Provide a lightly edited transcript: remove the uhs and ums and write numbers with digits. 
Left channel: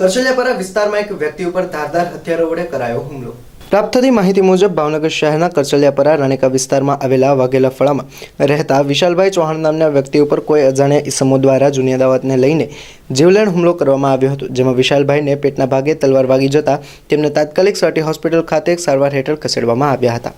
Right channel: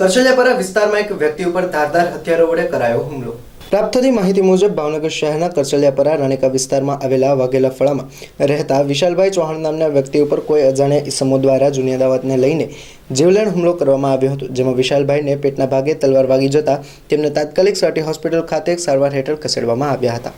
કરચલિયાપરા વિસ્તારમાં એક વ્યક્તિ ઉપર ધારદાર હથિયારો વડે કરાયો હુમલો। પ્રાપ્ત થતી માહિતી મુજબ ભાવનગર શહેરના કરચલિયાપરા રાણીકા વિસ્તારમાં આવેલા વાઘેલા ફળામાં રહેતા વિશાલભાઈ ચૌહાણ નામના વ્યક્તિ ઉપર કોઈ અજાણ્યા ઇસમો દ્વારા જૂની અદાવતને લઈને જીવલેણ હુમલો કરવામાં આવ્યો હતો, જેમાં વિશાલભાઈને પેટના ભાગે તલવાર વાગી જતા તેમને તાત્કાલિક સટી હોસ્પિટલ ખાતે સારવાર હેઠળ ખસેડવામાં આવ્યા હતા।